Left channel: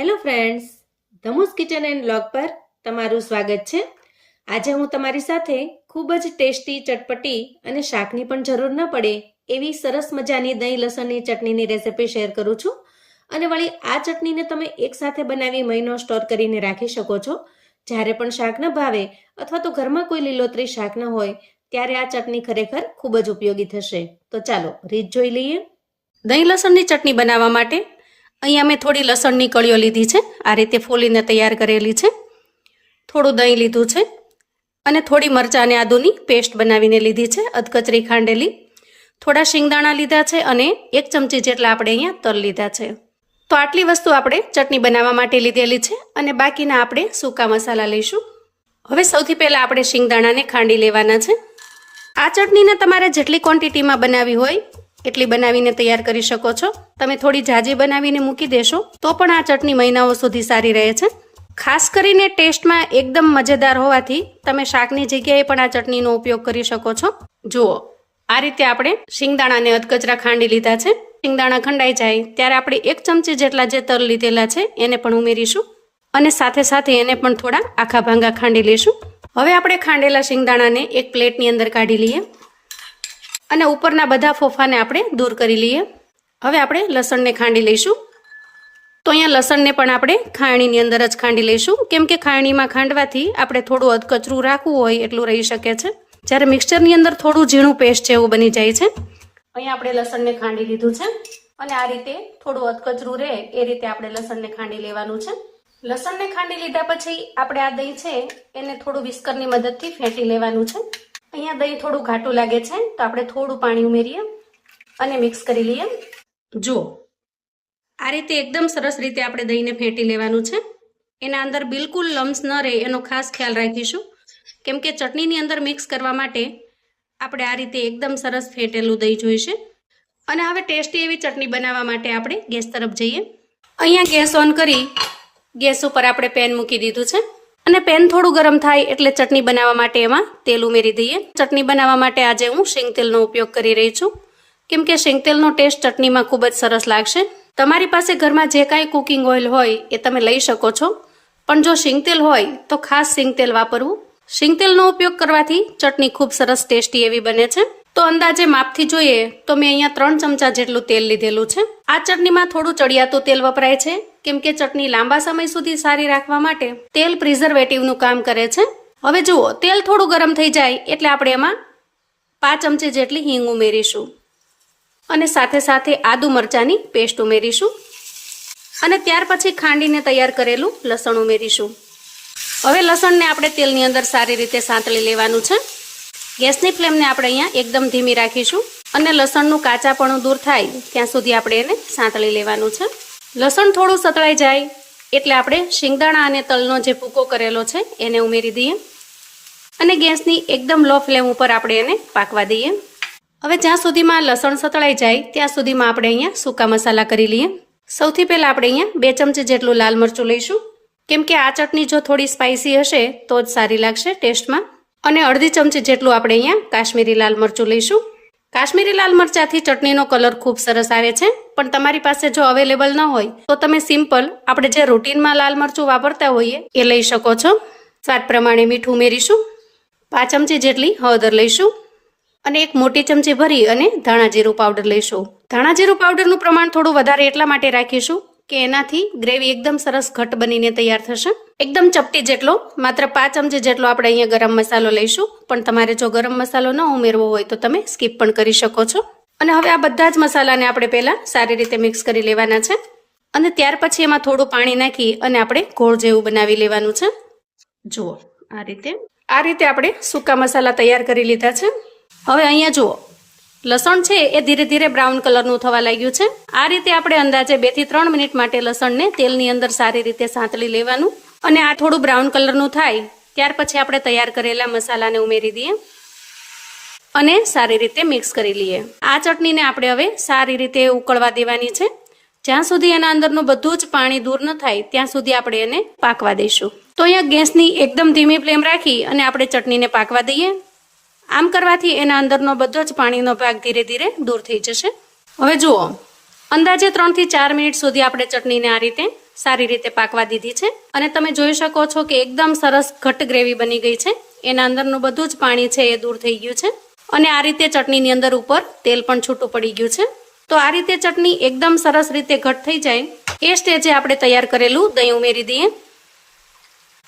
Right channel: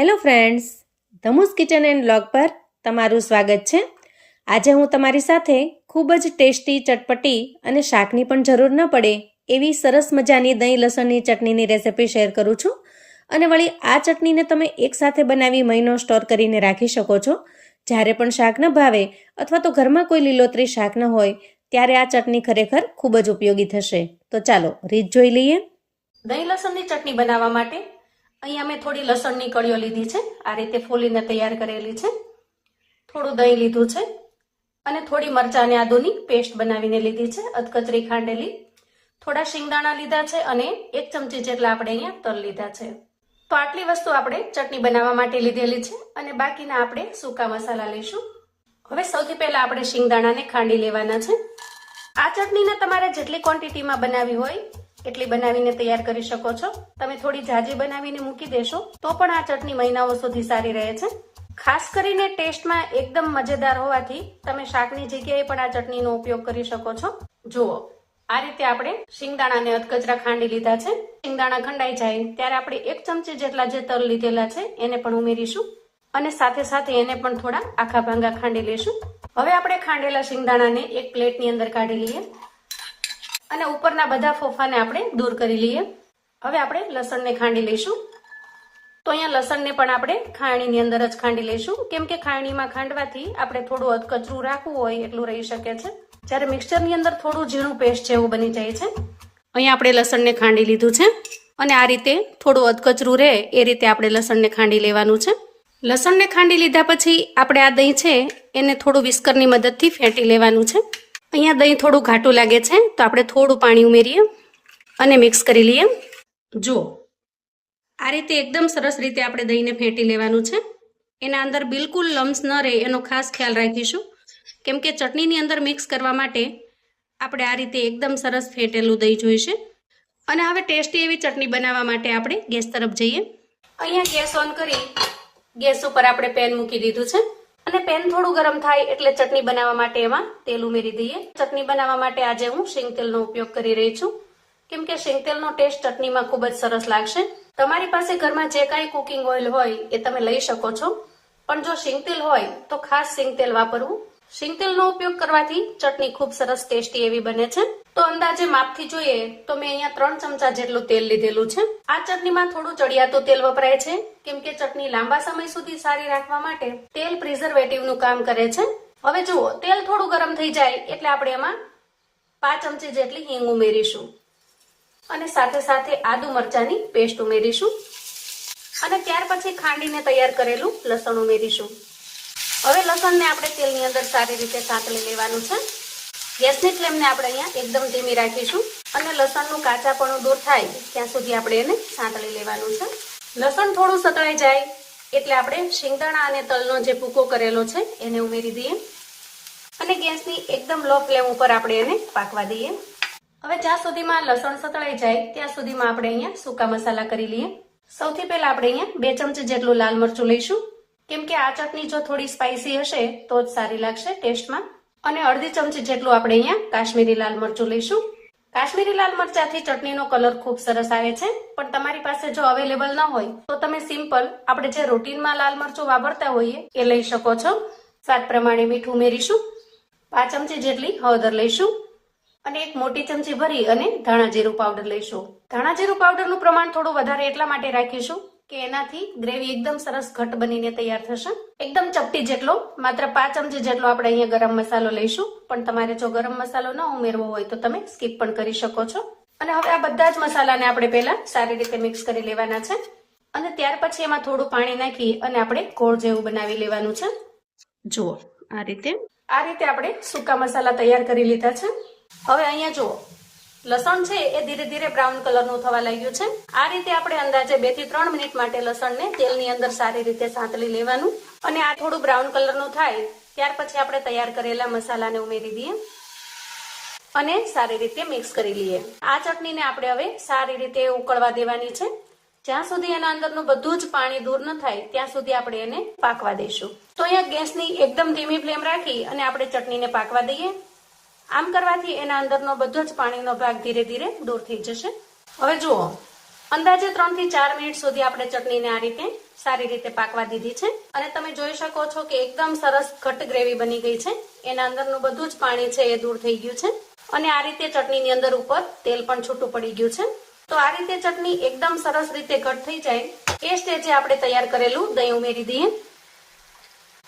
Hello friends, Dhamus kitchen and blog પર તમારું સ્વાગત છે। આજે હું તમારી સાથે ખૂબ જ ટેસ્ટી, ચટપટી અને શાકની પણ જરૂર ન પડે એવી સરસ મજાની દહીં લસણની ચટણીની રેસિપી શેર કરું છું। અને વળી આ ચટણીને તમે એકસાથે બનાવી મહિનો સ્ટોર કરીને રાખી શકો છો। જ્યારે પણ શાક ન ભાવે અથવા તો ઘરમાં કોઈ લીલોતરી શાક ન હોય ત્યારે આ ચટણી ખરેખર ખૂબ જ ઉપયોગી થશે। તો ચાલો રીત જોઈ લઈએ। દહીં લસણની ચટણી બનાવવા માટે અહીંયા મેં થોડી લસણની કળીઓ લીધી છે, આ રીતે ફોલીને તૈયાર કરેલી છે। થોડું દહીં લીધું છે અને થોડી મરચાં અને આદુની પેસ્ટ બનાવીને લીધી છે, અધકચરી ખાંડેલી। થોડા શિંગદાણા લીધા છે અને 1 ચમચી જેટલા આપણે અહીંયા તલ લીધા છે। તો આટલી વસ્તુ આપણે ચટણી બનાવવા માટે લીધેલી છે અને બાકીના આપણે સૂકા મસાલા લઈશું। હવે સૌથી પહેલાં આપણે શિંગદાણાને ખાંડી લેવાના છે। આ ચટણીને તમારે જેટલી ક્વોન્ટિટીમાં બનાવી હોય એટલી બનાવીને તૈયાર કરી શકો છો। તમે થોડી જાજી બનાવીને મૂકી દેશો તો પણ આ ચટણી મહિનાઓ સુધી સારી રહે છે। ખાસ કરીને ટેસ્ટમાં એકદમ મજેદાર હોવાથી તમે શાકની જગ્યાએ પણ આ ચટણીનો ઉપયોગ કરી શકો છો। જુઓ, આ રીતે આપણે શિંગદાણાને અધકચરા ખાંડી લીધા છે। શિંગદાણા ખંડાઈ જાય ત્યારે આપણે 1 ચમચી જેટલા જે તલ લીધેલા છે એને પણ ઉમેરીશું અને સાથે સાથે એને પણ થોડા આખા ભાંગા ખાંડી લઈશું। હવે આપણે ખાંડેલા શિંગદાણાને એક પ્લેટની અંદર કાઢી લઈએ અને ઉપરના બધા ફોફાને આપણે દૂર કરી લઈએ। હવે આપણે લસણને ખાંડી લઈશું। તો અહીંયા લસણને પણ આપણે ખાયણીની અંદર જ ખાંડી લઈશું, કેમ કે ખાયણીમાં ખાંડવાથી આપણે થોડું અધકચરું રાખવું હોય એટલું રહી શકે છે, જ્યારે મિક્સચરની અંદર થોડું ઝીણું પેસ્ટ જેવું બની જાય છે। અહીંયા આપણે લસણને ખાંડી લીધું છે અને આ રીતે થોડું અધકચરું રહે એ રીતે આપણે લસણને ખાંડી લેવાનું છે। લસણને ખાંડી લીધા પછી આપણે આ દહીં છે એને થોડું વિસ્કરની મદદથી ફેંટી લેવાનું છે। અહીંયા દહીં થોડું ઘાટું લાગે છે તો આપણે થોડું પાણી ઉમેરીએ અને મિક્સ કરી લઈએ। જો આ રીતે એકદમ સરસ રીતે આપણે દહીંને ફેંટી લેવાનું છે। એના અંદર બિલકુલ લમ્સ ન રહે એનો ખાસ ખ્યાલ રાખીશું, કેમ કે ચટણીની અંદર મિક્સ કરવા માટે આપણે આ રીતે એકદમ સરસ ફેંટેલું દહીં જોઈશે। અને હવે ટેસ્ટી એવી ચટણી બનાવવા માટે આપણે ગેસ તરફ જઈએ। અહીંયા ગેસ ઓન કરી ગેસ ઉપર આપણે પેન મૂકી દીધું છે અને પેન થોડું ગરમ થાય એટલે ચટણી બનાવવા માટે એમાં તેલ ઉમેરી દઈએ। ચટણી બનાવવા માટે આજે હું શીંગતેલનો ઉપયોગ કરી રહી છું, કેમ કે શીંગતેલનો ટેસ્ટ ચટણીમાં ખૂબ જ સરસ લાગશે। તમારી પાસે ઘરમાં જે કાંઈ કુકિંગ ઓઇલ હોય એ તમે લઈ શકો છો, પણ જો શીંગતેલ હોય તો ખાસ શીંગતેલ વાપરવું। શીંગતેલનો ઉપયોગ કરવાથી ચટણી ખૂબ સરસ ટેસ્ટી એવી બને છે। તો અંદાજે માપથી જોઈએ તો મેં અહીંયા 3 ચમચા જેટલું તેલ લીધેલું છે। આ ચટણીમાં થોડું ચડિયાતું તેલ વપરાય છે, કેમ કે ચટણી લાંબા સમય સુધી સારી રાખવા માટે તેલ પ્રિઝર્વેટિવનું કામ કરે છે। હવે જુઓ, તેલ થોડું ગરમ થઈ જાય એટલે આપણે એમાં 5 ચમચી જેટલી હિંગ ઉમેરીશું અને સાથે સાથે આદુ મરચાંની પેસ્ટ ઉમેરીશું અને ત્યાર પછી ખાંડીને તૈયાર કરેલું લસણ ઉમેરીશું। હવે લસણને આપણે તેલની અંદર સારી રીતે સાંતળી લેવાનું છે। ગેસની ફ્લેમને આપણે અહીંયા એકદમ ધીમી રાખીશું અને લસણનું કાચાપણું દૂર થાય ત્યાં સુધી આપણે એને સાંતળી લેવાનું છે। લસણ થોડું સતળાઈ જાય એટલે આપણે શિંગદાણા અને તલનો જે ભૂકો કરેલો છે એને ઉમેરી દઈએ અને ગેસની એકદમ લો ફ્લેમ ઉપર આપણે એને પાકવા દઈએ। હવે જ્યાં સુધીમાં લસણ સતળાઈ જાય ત્યાં સુધીમાં આપણે અહીંયા સૂકા મસાલા કરી લઈએ। સૌથી પહેલાં આપણે અહીંયા 2 ચમચી જેટલું લાલ મરચું લઈશું, કેમ કે આ ચટણી જો થોડી સ્પાઇસી હશે તો જ સારી લાગશે ટેસ્ટમાં। અને અડધી ચમચી જેટલું આપણે અહીંયા કાશ્મીરી લાલ મરચું લઈશું। કાશ્મીરી લાલ મરચાંથી ચટણીનો કલર ખૂબ સરસ આવે છે, પણ તમારી પાસે જો અવેલેબલ ન હોય તો તમે સિમ્પલ આપણે જે રૂટીનમાં લાલ મરચું વાપરતા હોઈએ એ લઈ શકો છો। સ્વાદ પ્રમાણે મીઠું ઉમેરીશું, 5 ચમચી જેટલી હળદર લઈશું અને 1 મોટી ચમચી ભરી અને ધાણા જીરું પાવડર લઈશું। ધાણા જીરું પાવડરનું પ્રમાણ થોડું વધારે એટલા માટે રાખીશું કે એનાથી ગ્રેવી એકદમ સરસ ઘટ બનીને તૈયાર થશે। એકદમ ચપટી જેટલો, માત્ર 5 ચમચી જેટલો આપણે અહીંયા ગરમ મસાલો લઈશું, પણ તમારે જો ગરમ મસાલો ન ઉમેરવો હોય તો તમે સ્કીપ પણ કરી શકો છો। અને હવે આ બધા જ મસાલાને આપણે પહેલા સારી રીતે મિક્સ કરી લેવાના છે અને ત્યાર પછી એમાં થોડું પાણી નાખી અને આપણે ઘોળ જેવું બનાવી લેવાનું છે। જુઓ, આ રીતે આપણે સૂકા મસાલા તૈયાર કરી લીધા છે। હવે અહીંયા જુઓ, લસણ છે એ ધીરે ધીરે બ્રાઉન કલરનું થવા લાગ્યું છે। આ રીતે આપણે અંદાજે 2 થી 3 મિનિટ માટે લસણને તેલની અંદર સારી રીતે સાંતળી લેવાનું અને આ થોડું બ્રાઉન કલરનું થાય ત્યાર પછી આપણે તૈયાર કરેલા મસાલાને ઉમેરી દઈએ અને સારી રીતે મિક્સ કરી લઈએ। આ ચટણીને આપણે હવે સારી રીતે ઉકળવા દેવાની છે, જ્યાં સુધી એના અંદરનું બધું જ પાણી દૂર ન થાય ત્યાં સુધી આપણે એને પાકવા દઈશું। તો અહીંયા ગેસની એકદમ ધીમી ફ્લેમ રાખી અને આપણે ચટણીને પાકવા દઈએ। આમ કરવાથી એના અંદરનો બધો જ પાણીનો ભાગ ધીરે ધીરે દૂર થઈ જશે। હવે જુઓ, અંદાજે 3 થી 4 મિનિટ સુધી આપણે ચટણીને આ રીતે સારી રીતે પાકવા દીધી છે અને તમે જોઈ શકો છો કે એકદમ સરસ ઘટ્ટ ગ્રેવી બની ગઈ છે. એના અંદરનું બધું જ પાણી છે એ દૂર થઈ ગયું છે અને આ રીતે ચટણીની અંદર ઉપર તેલ પણ છૂટું પડી ગયું છે. તો આ રીતે ચટણી એકદમ સરસ રીતે ઘટ્ટ થઈ જાય એ સ્ટેજે આપણે તૈયાર કરેલું દહીં ઉમેરી દઈએ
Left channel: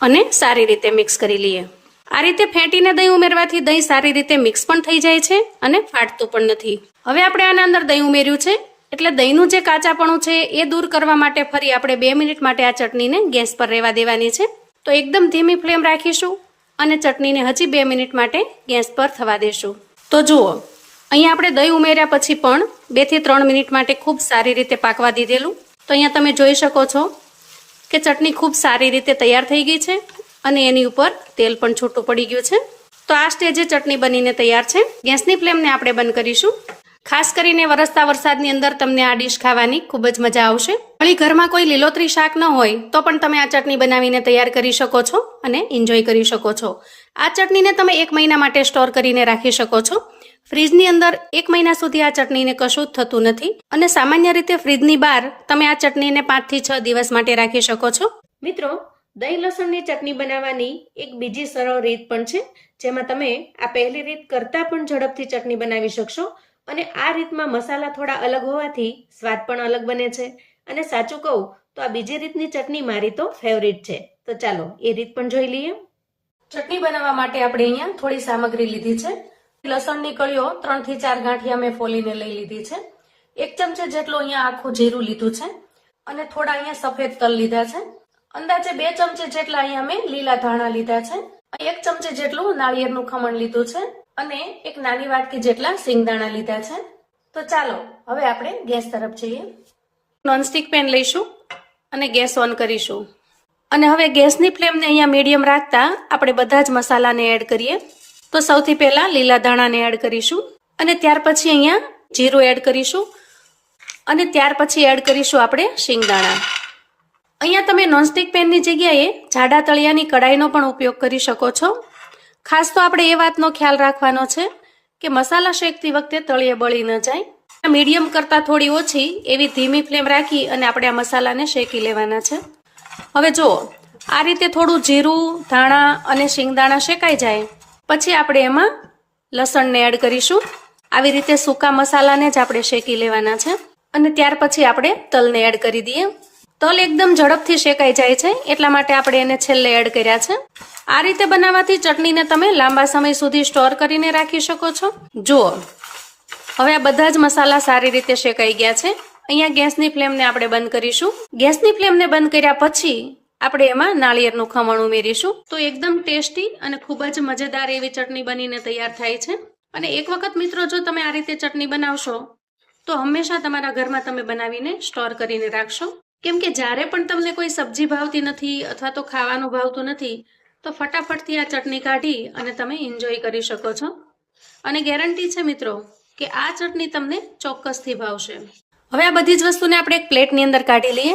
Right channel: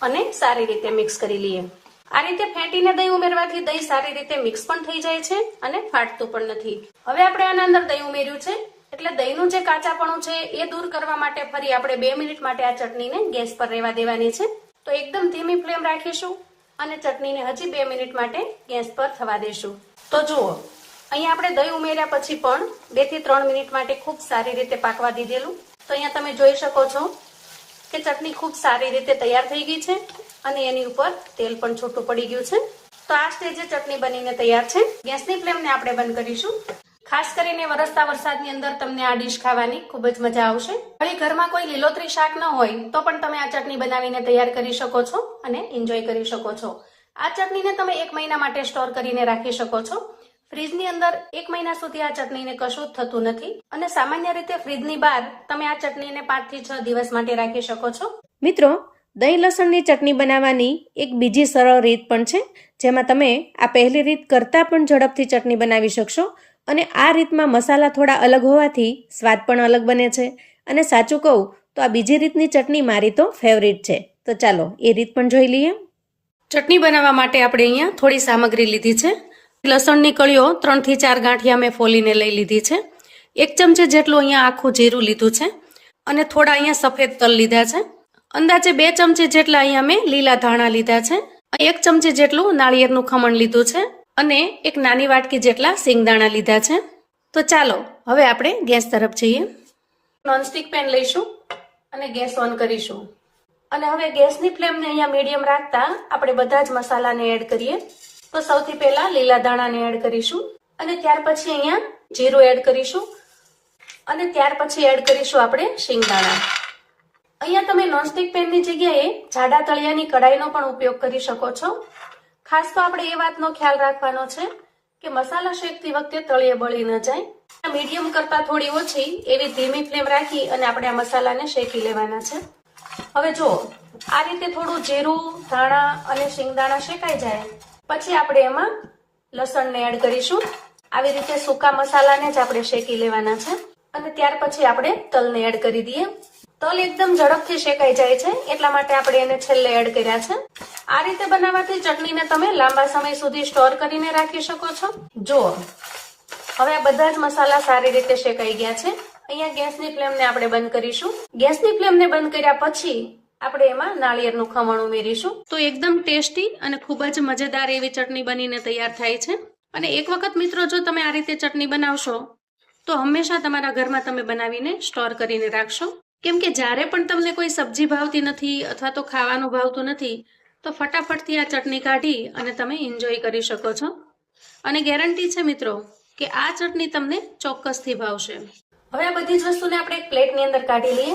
અને સારી રીતે મિક્સ કરી લઈએ. આ રીતે ફેંટીને દહીં ઉમેરવાથી દહીં સારી રીતે મિક્સ પણ થઈ જાય છે અને ફાટતું પણ નથી. હવે આપણે આના અંદર દહીં ઉમેર્યું છે એટલે દહીંનું જે કાચાપણું છે એ દૂર કરવા માટે ફરી આપણે 2 મિનિટ માટે આ ચટણીને ગેસ પર રહેવા દેવાની છે. તો એકદમ ધીમી ફ્લેમ રાખીશું અને ચટણીને હજી 2 મિનિટ માટે ગેસ પર થવા દેશું. તો જુઓ અહીંયા આપણે દહીં ઉમેર્યા પછી પણ 2 થી 3 મિનિટ માટે ખૂબ સારી રીતે પાકવા દીધેલું. તો અહીંયા તમે જોઈ શકો છો કે ચટણી ખૂબ સારી રીતે તૈયાર થઈ ગઈ છે અને એની ઉપર તેલ પણ છૂટું પડી ગયું છે. તો આ સ્ટેજે ચટણી બનીને તૈયાર છે. ગેસની ફ્લેમને આપણે બંધ કરીશું. ખાસ કરીને વરસતા વરસાદની અંદર તમને આ ડીશ ખાવાની ખૂબ જ મજા આવશે. વળી ઘરમાં કોઈ લીલોતરી શાક ન હોય તો પણ તમે આ ચટણી બનાવીને તૈયાર કરી શકો છો અને એન્જોય કરી શકો છો. આ ચટણીને તમે 1 મહિના માટે સ્ટોર કરીને રાખી શકો છો. ફ્રીજની અંદર 1 મહિના સુધી આ ચટણીને કશું જ થતું નથી અને સામાન્ય રીતે ફ્રીજની બહાર તમે આ ચટણીને 5 થી 6 દિવસ માટે રાખી શકો છો. મિત્રો, દહીં લસણની ચટણી બનાવવાની એક બીજી સરળ રીત પણ છે જેમાં તમે આ પહેલી રીત કરતાં પણ ઝડપથી ચટણી બનાવી શકશો અને આ રીતમાં મસાલા થોડા અલગ હોવાથી સ્વાદ પણ અલગ બને છે. અને સાચું કહું તો આ બીજી રીતની ચટણી મારી તો ફેવરિટ છે. તો ચાલો એ રીત પણ જોઈ લઈએ. ચટણી બનાવવા માટે આપણે અહીંયા થોડી સામગ્રી લીધી છે. લસણની કળીઓ 3 થી 4 ગાંઠિયા મેં ફોલીને લઈ લીધી છે. 1 ચમચી જેટલું અહીંયા આખું જીરું લીધું છે અને થોડા અહીંયા સફેદ તલ લીધા છે. અંદાજે 2 ચમચી જેટલા અહીંયા મેં લીલા ધાણા લીધા છે. 1 ચમચી જેટલું નાળિયેરનું ખમણ લીધું છે અને એક નાની વાટકી જેટલા સિંગદાણા લીધા છે. તો ચાલો હવે આપણે ગેસ તરફ જઈએ. નોનસ્ટિક પેન લઈશું અને ગેસ ઓન કરીશું અને હવે ગેસની ફ્લેમને અહીંયા મીડિયમ રાખતા આપણે બધા જ મસાલાને એડ કરીએ. તો સૌથી પહેલા લીલા ધાણાને એડ કરીશું અને ત્યાર પછી અહીંયા જીરું એડ કરીશું અને ત્યાર પછી એડ કરીશું આપણે સિંગદાણા. અહીંયા તમે નોનસ્ટિક પેનની જગ્યાએ જાડા તળિયાની કડાઈનો પણ ઉપયોગ કરી શકો છો. ખાસ તો આપણે એ વાતનો ખ્યાલ રાખવાનો છે કે મસાલા શેકતી વખતે તળિયે બળી ન જાય. મીડિયમ કરતાં થોડી ઓછી એવી ધીમી ફ્લેમ રાખી અને આપણે આ મસાલાને શેકી લેવાના છે. હવે જો આ રીતે થોડું જીરું, ધાણા અને સિંગદાણા શેકાઈ જાય પછી આપણે એમાં લસણને એડ કરીશું. આવી રીતે સૂકા મસાલાને જ આપણે શેકી લેવાના છે અને ત્યાર પછી આપણે તલને એડ કરી દઈએ. તલ એકદમ ઝડપથી શેકાઈ જાય છે એટલા માટે આપણે એને છેલ્લે એડ કર્યા છે. આ રીતે બનાવવાથી ચટણીને તમે લાંબા સમય સુધી સ્ટોર કરીને રાખી શકો છો. જુઓ હવે આ બધા જ મસાલા સારી રીતે શેકાઈ ગયા છે. અહીંયા ગેસની ફ્લેમને આપણે બંધ કરીશું. ગેસની ફ્લેમને બંધ કર્યા પછી આપણે એમાં નાળિયેરનું ખમણ ઉમેરીશું. તો એકદમ ટેસ્ટી અને ખૂબ જ મજેદાર એવી ચટણી બનીને તૈયાર થાય છે. અને એક વખત મિત્રો જો તમે આ રીતે ચટણી બનાવશો તો હંમેશા તમારા ઘરમાં તમે બનાવીને સ્ટોર કરીને રાખશો. કેમ કે જ્યારે પણ તમને કોઈ સબ્જી ભાવતી નથી અથવા તો ખાવાનું ભાવતું નથી તો ફટાફટથી આ ચટણી કાઢી અને તમે એન્જોય કરી શકો છો. અને ગેરંટી છે મિત્રો કે આ ચટણી તમને ચોક્કસથી ભાવશે. હવે આ બધી જ વસ્તુને આપણે એક પ્લેટની અંદર કાઢી લઈએ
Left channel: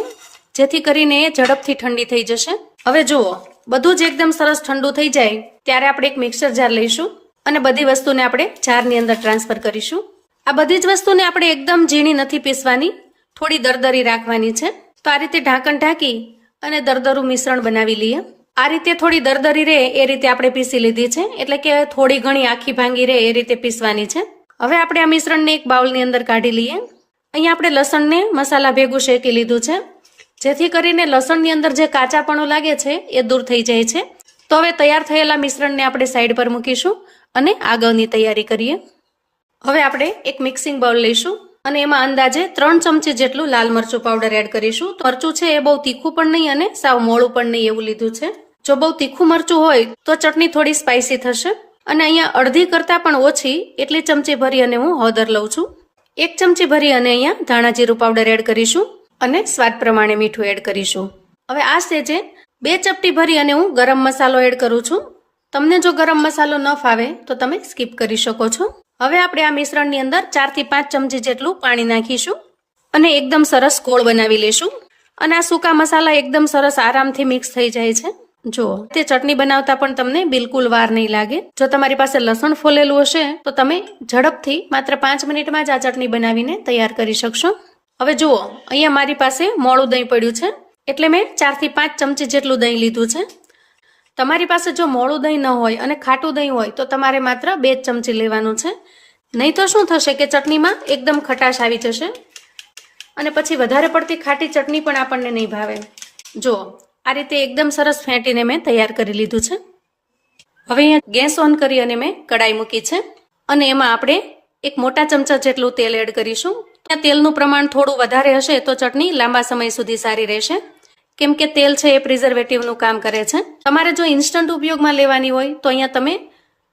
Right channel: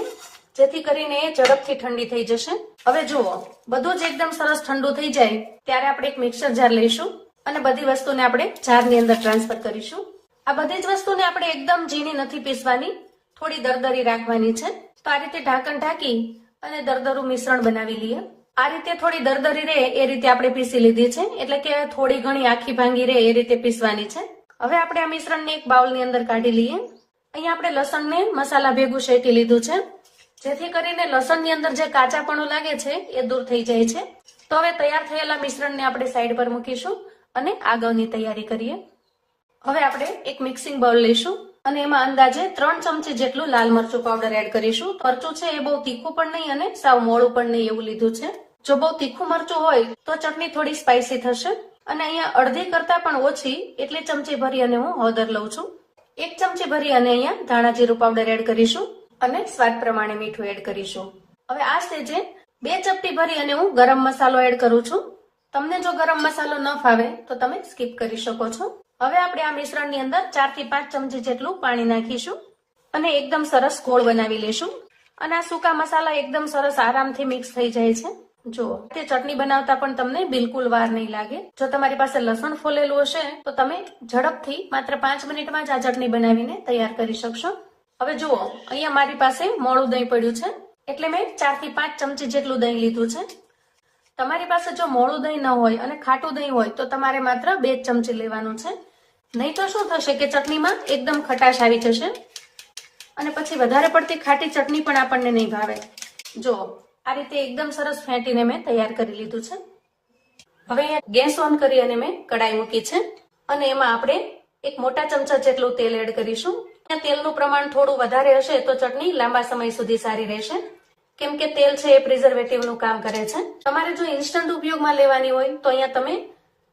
જેથી કરીને એ ઝડપથી ઠંડી થઈ જશે. હવે જુઓ બધું જ એકદમ સરસ ઠંડુ થઈ જાય ત્યારે આપણે એક મિક્સર જાર લઈશું અને બધી વસ્તુને આપણે જારની અંદર ટ્રાન્સફર કરીશું. આ બધી જ વસ્તુને આપણે એકદમ ઝીણી નથી પીસવાની, થોડી દરદરી રાખવાની છે. તો આ રીતે ઢાંકણ ઢાંકી અને દરદરું મિશ્રણ બનાવી લઈએ. આ રીતે થોડી દરદરી રહે એ રીતે આપણે પીસી લીધી છે, એટલે કે થોડી ઘણી આખી ભાંગી રહે એ રીતે પીસવાની છે. હવે આપણે આ મિશ્રણને એક બાઉલની અંદર કાઢી લઈએ. અહીંયા આપણે લસણને મસાલા ભેગું શેકી લીધું છે જેથી કરીને લસણની અંદર જે કાચાપણું લાગે છે એ દૂર થઈ જાય છે. તો હવે તૈયાર થયેલા મિશ્રણને આપણે સાઈડ પર મૂકીશું અને આગળની તૈયારી કરીએ. હવે આપણે એક મિક્સિંગ બાઉલ લઈશું અને એમાં અંદાજે 3 ચમચી જેટલું લાલ મરચું પાવડર એડ કરીશું. મરચું છે એ બહુ તીખું પણ નહીં અને સાવ મોળું પણ નહીં એવું લીધું છે. જો બહુ તીખું મરચું હોય તો ચટણી થોડી સ્પાઇસી થશે. અને અહીંયા અડધી કરતાં પણ ઓછી એટલી ચમચી ભરી અને હું હળદર લઉં છું. 1 ચમચી ભરી અને અહીંયા ધાણા જીરું પાવડર એડ કરીશું અને સ્વાદ પ્રમાણે મીઠું એડ કરીશું. હવે આ સ્ટેજે 2 ચપટી ભરી અને હું ગરમ મસાલો એડ કરું છું. તમને જો ગરમ મસાલો ન ફાવે તો તમે સ્કીપ કરી શકો છો. હવે આપણે આ મિશ્રણની અંદર 4 થી 5 ચમચી જેટલું પાણી નાખીશું અને એકદમ સરસ ગોળ બનાવી લઈશું. અને આ સૂકા મસાલા એકદમ સરસ આરામથી મિક્સ થઈ જાય છે. જો તે ચટણી બનાવતા પણ તમને બિલકુલ વાર નહીં લાગે. જો તમારી પાસે લસણ ફોલેલું હશે તો તમે ઝડપથી માત્ર 5 મિનિટમાં જ આ ચટણી બનાવીને તૈયાર કરી શકશો. હવે જુઓ, અહીંયા મારી પાસે મોળું દહીં પડ્યું છે, એટલે મેં 4 થી 5 ચમચી જેટલું દહીં લીધું છે. તમારી પાસે જો મોળું દહીં ન હોય અને ખાટું દહીં હોય તો તમારે માત્ર 2 ચમચી લેવાનું છે. નહીં તો શું થશે કે ચટણીમાં એકદમ ખટાશ આવી જશે અને પછી વધારે પડતી ખાટી ચટણી પણ આપણને નહીં ભાવે. જો આ રીતે એકદમ સરસ ફેંટીને મેં તૈયાર કરી લીધું છે. હવે અહીંયા ગેસ ઓન કરી અને મેં કડાઈ મૂકી છે અને એમાં આપણે 1 મોટા ચમચા જેટલું તેલ એડ કરીશું. ત્યાં તેલનું પ્રમાણ થોડું વધારે હશે તો ચટણી લાંબા સમય સુધી સારી રહેશે, કેમ કે તેલ છે એ પ્રિઝર્વેટિવનું કામ કરે છે. તમારે જો ઇન્સ્ટન્ટ ઉપયોગમાં લેવાની હોય તો અહીંયા તમે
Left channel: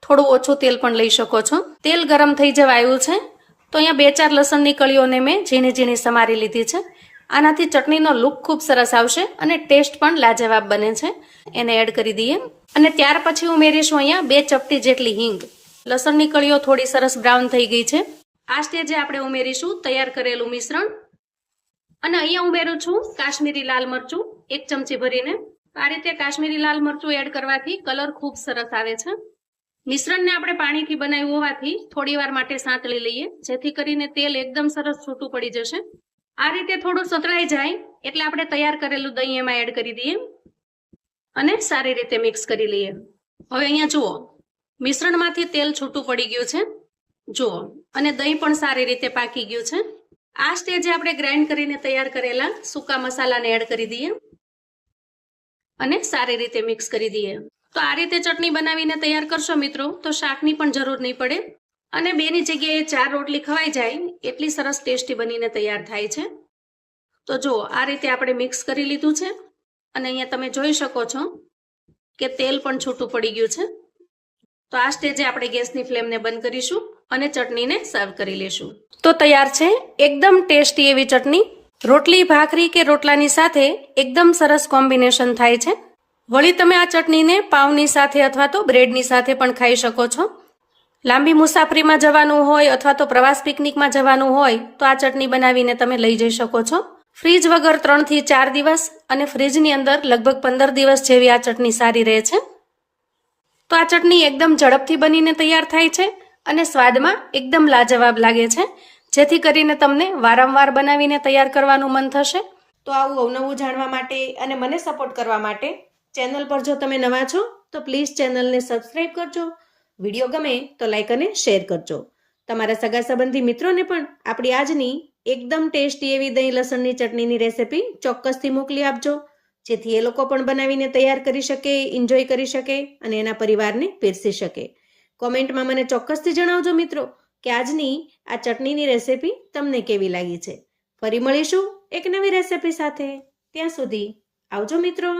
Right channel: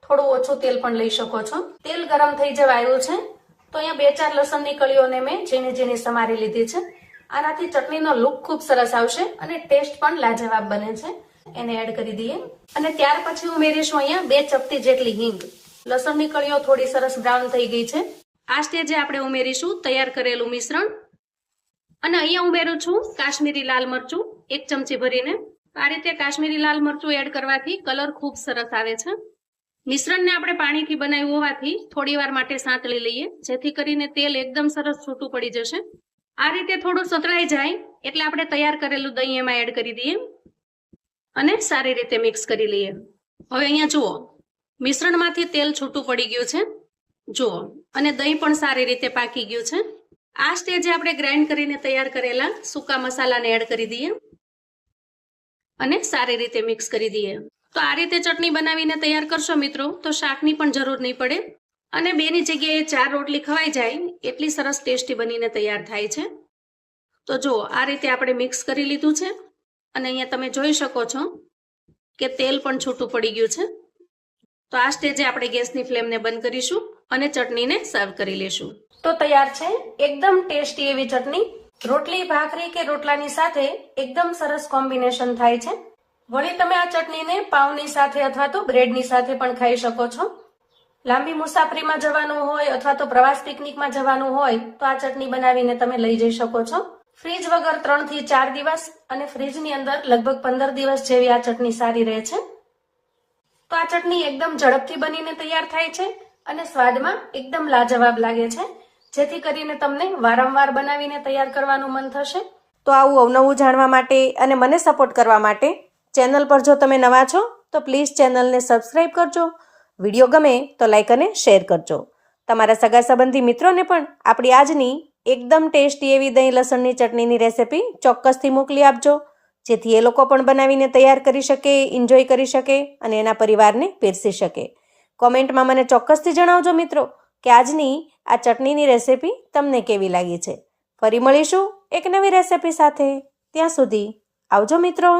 થોડું ઓછું તેલ પણ લઈ શકો છો. તેલ ગરમ થઈ જવા આવ્યું છે તો અહીંયા 2-4 લસણની કળીઓને મેં ઝીણી ઝીણી સમારી લીધી છે. આનાથી ચટણીનો લુક ખૂબ સરસ આવશે અને ટેસ્ટ પણ લાજવાબ બને છે. એને એડ કરી દઈએ અને ત્યાર પછી ઉમેરીશું અહીંયા 2 ચપટી જેટલી હિંગ. લસણની કળીઓ થોડી સરસ બ્રાઉન થઈ ગઈ છે. આ સ્ટેજે આપણે ઉમેરીશું તૈયાર કરેલું મિશ્રણ અને અહીંયા ઉમેરું છું કાશ્મીરી લાલ મરચું 1 ચમચી ભરીને. આ રીતે કાશ્મીરી લાલ મરચું એડ કરવાથી કલર ખૂબ સરસ આવે છે. મિશ્રણને આપણે પાણીથી બનાવ્યું હોવાથી થોડી વાર માટે સાંતળી લઈએ, જેથી કરીને તેલ એકદમ સરસ છૂટું પડી જશે. આ રીતે થોડું સતળાઈ જાય એટલે આપણે તૈયાર કરેલું દહીં એમાં એડ કરી દઈએ અને સારી રીતે મિક્સ કરી લઈએ. હવે અહીંયા જુઓ, મિશ્રણમાંથી તેલ છૂટું પડી ગયું છે જુઓ, અને દહીં પણ સારી રીતે પાકી ગયું છે. આ સ્ટેજે આપણે ગ્રાઇન્ડ કરીને તૈયાર કરેલા સૂકા મસાલાને એડ કરી દઈએ અને સારી રીતે મિક્સ કરી દઈએ. તો આ રીતે ચટણી બનાવીને તૈયાર કરશો મિત્રો તો શાકની પણ જરૂર નહીં પડે અને 2ની જગ્યાએ 4 રોટલી ખવાઈ જાય એટલી સરસ ટેસ્ટી બનીને તૈયાર થાય છે. તો જુઓ, આ રીતે આપણે મિક્સ કરી લીધું છે અને અહીંયા તમે જોઈ શકો છો કે તેલ પણ છૂટું પડી ગયું છે. તો આ સ્ટેજે આપણે ગેસની ફ્લેમને બંધ કરીશું અને ચટણીને સર્વ કરી લેશું. તો તૈયાર છે એકદમ ટેસ્ટી એવી ચટણી. રોટલી, ભાખરી કે રોટલાની સાથે એકદમ સરસ કોમ્બિનેશન થાય છે. વળી તમે આ ચટણીને પાવની સાથે અથવા તો બ્રેડની સાથે પણ ખાઈ શકો છો. લાંબી મુસાફરીમાં જવાનું હોય અથવા તો પ્રવાસ પિકનિકમાં જવાનું હોય તો આ ચટણી બનાવીને તમે લઈ જઈ શકો છો. ફ્રીજ વગર 3 થી 4 દિવસ અને ફ્રીજની અંદર લગભગ 15 દિવસ જેવી આ ચટણી સારી રહે છે. તો આ ચટણી એકદમ ઝડપથી બનીને તૈયાર થાય છે અને સ્વાદમાં એકદમ લાજવાબ લાગે છે, જેથી કરીને તમને વારંવાર બનાવીને તૈયાર કરવાનું મન થશે. તો આવું અવનવું જાણવા માટે અને મને સપોર્ટ કરવા માટે ચેનલ પર જો તમે નવા છો તો પ્લીઝ ચેનલને સબસ્ક્રાઈબ કરજો. વિડીયો ગમે તો લાઈક અને શેર કરજો. તમારા સગા સંબંધી મિત્રોને પણ આપણી આજની એકદમ ટેસ્ટી એવી દહીં લસણની ચટણીની રેસિપી ચોક્કસથી મોકલી આપજો, જેથી એ લોકો પણ બનાવીને તૈયાર કરી શકે, એન્જોય કરી શકે અને એના પરિવારને પીરસી શકે. કોમેન્ટમાં મને ચોક્કસથી જણાવજો મિત્રો કે આજની આ ચટણીની રેસિપી તમને કેવી લાગી છે. ફરી મળીશું એક નવી રેસિપી સાથે. ત્યાં સુધી આવજો મિત્રો.